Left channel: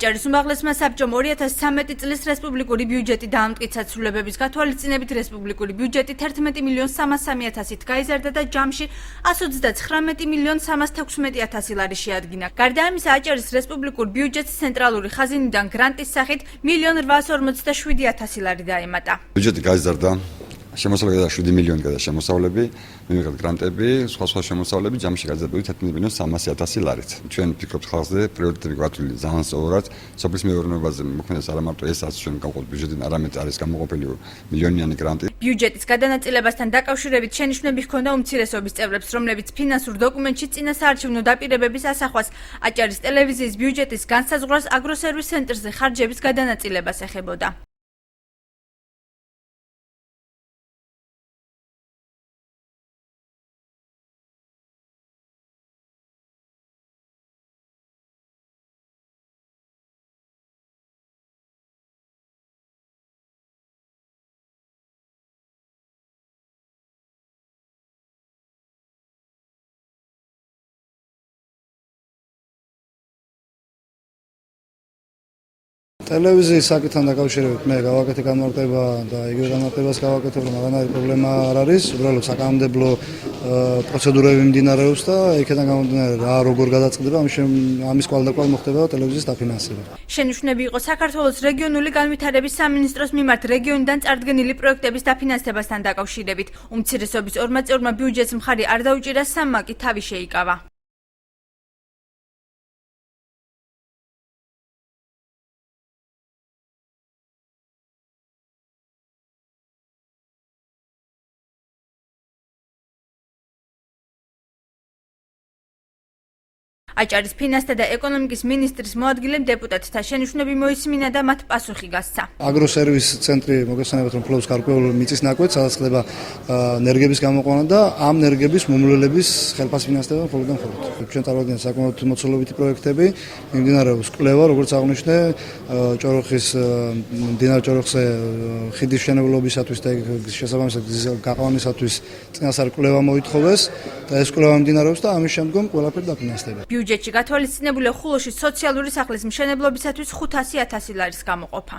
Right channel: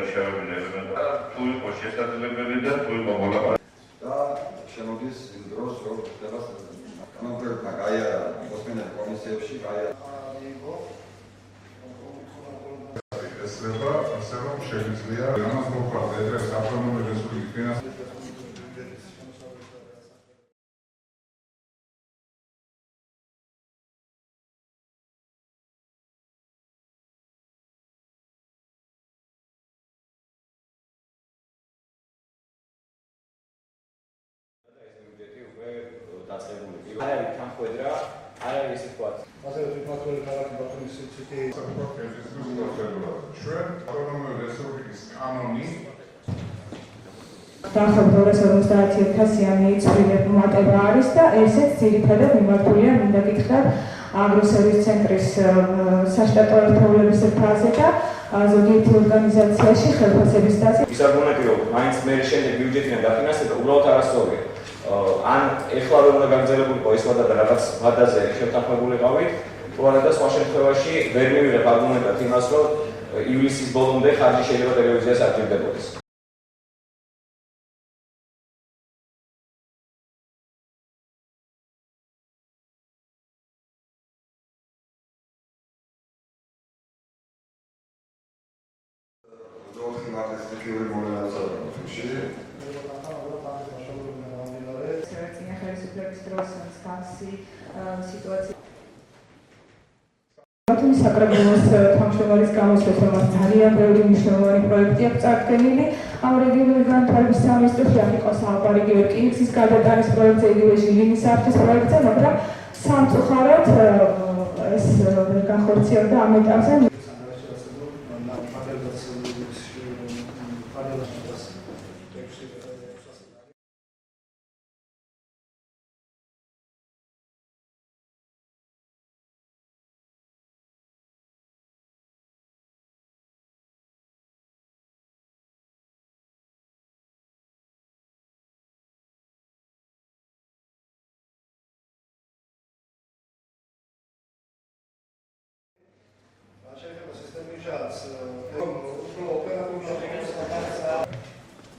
აჭარის უმაღლესმა საბჭომ 2013 წლის რესპუბლიკური ბიუჯეტი დაამტკიცა ცვლილებების გათვალისწინებით რესპუბლიკური ბიუჯეტი 11.303.000-ით გაიზარდა და ჯამში 139.316.000 ლარი შეადგინა. გარდა ამისა, აჭარის რესპუბლიკურ ბიუჯეტს ცენტრალური ხაზინიდან გრანტის სახით 1.847.000 ლარი დაემატა. ბიუჯეტი გაიზარდა. შემოსავლები 7 მილიონი გადა შემოსავლები, მივიღეთ გრანტები, სხვა შემოსავლები ჯამში გაიზარდა 11.300.000 ლარით. ჩვენ ვფიქრობთ ხალხზე პრიორიტეტები გვათვლილი ძალიან სწორად, სოფლის მეურნეობაზე მოქმედებს არა მარტო ეს რაც ჩვენ გავყოლთ ბიუჯეტიდან, არამედ არის გამოყოფილი მილიონიანი გრანტი. ბიუჯეტის გადანაწილებასთან დაკავშირებით შენიშვნები ჰქონდა უმცირესობის წევრებს, რომლებიც ფინანსურ დოკუმენტში წინა საარჩევნო დაპირებების ასახვას აჭარის ტელევიზიის ბიუჯეტის განსაზღვრას აგროსერვის ცენტრზე ხარჯების გადანაწილებას ეხებოდა. არის და ესეც ძირითადად მიმართულია მინდა გითხრათ აგროსერვის ცენტრის საშტატო ერთეულების ფაზე და ზოგიერთი ორგანიზაციაში ხელფასების დაცვა. ის არგუმენტი რომ მაინც მე შემდეგ ბიუჯეტიდან დაფინანსება უბრალოდ არასწორია. ან ეხლა უნდა გაგრძელებულიყო ეს ვადა და რაღაც ვადაზე შეთანხმებულიყავით, თუ არა და სხვა შემთხვევაში ვერ მივიღებ არგუმენტად იმას რომ ივლისის ბოლომდე ხარჯი შეიძლება ტელევიზიას არ ჭირდებოდეს. ტელევიზიის საკითხთან დაკავშირებით მე გავაკეთე განმარტება და იგივე განმარტებას გავაკეთებ, რომ არანაირი პრობლემა არ არის, უბრალოდ საკანონმდებლო პროცედურები მიმდინარეობს და იქიდან გამომდინარე რა როგორ გადაწყდება, ამის კვალდაკვალ მოხდება ტელევიზიის დაფინანსება. შენიშვნები იყო საქართველოს რეგიონული განვითარების სამინისტროს მიმართ რეგიონიდან წარდგენილი პროექტების დაფინანსებასთან დაკავშირებით. უმცირესობის ორმა წევრმა ბიუჯეტს მხარი არ დაუჭირა, სამმა კი თავი შეიკავა. საკრებულოს თავმჯდომარის გამოსვლით ძალიან ბევრი მნიშვნელოვანი პროექტი აქვს წარდგენილი. ამ რეგიონული განვითარების სამინისტროში არ იყო საუბარი რკინიგზის გადატანის პროექტზე, იგივე ჟილინის არხის პროექტზე, მაგრამ სამწუხაროდ ეს განხორციელდა ამ ეტაპზე. აჭარის ფინანსთა და ეკონომიკის მინისტრის მოადგილემ დეპუტატთა შენიშვნები მოისმინა და მათ პასუხი გასცა. აგროსერვის ცენტრი მოგესალმებით, რომ ფლობს გარკვეულ მიწის ნაკვეთს, სადაც ხდება ენერგიების გამოყვანა და ამ ენერგიების მომლელების ხელფასფინანსება მხოლოდ და მხოლოდ. ჩვენ წარმოადგენთ საკმაოდ მოცულობითი პროექტები, მიმდინარეობს კვლევა, როგორც აღნიშნე, ჭოროხის მდინარე ჭოროხზე ხიდის მშენებლობისათვის და შესაბამისად გაყვანისათვის წინასწარ კვლევა მოითხოვეს და ეს კვლევა მიმდინარეობს და ამის შემდგომ ყველაფერი დაფინანსდება. ბიუჯეტში გათვალისწინებულია ხულოში სოციალური სახლის მშენებლობისათვის 500.000 ლარის გამოყოფა.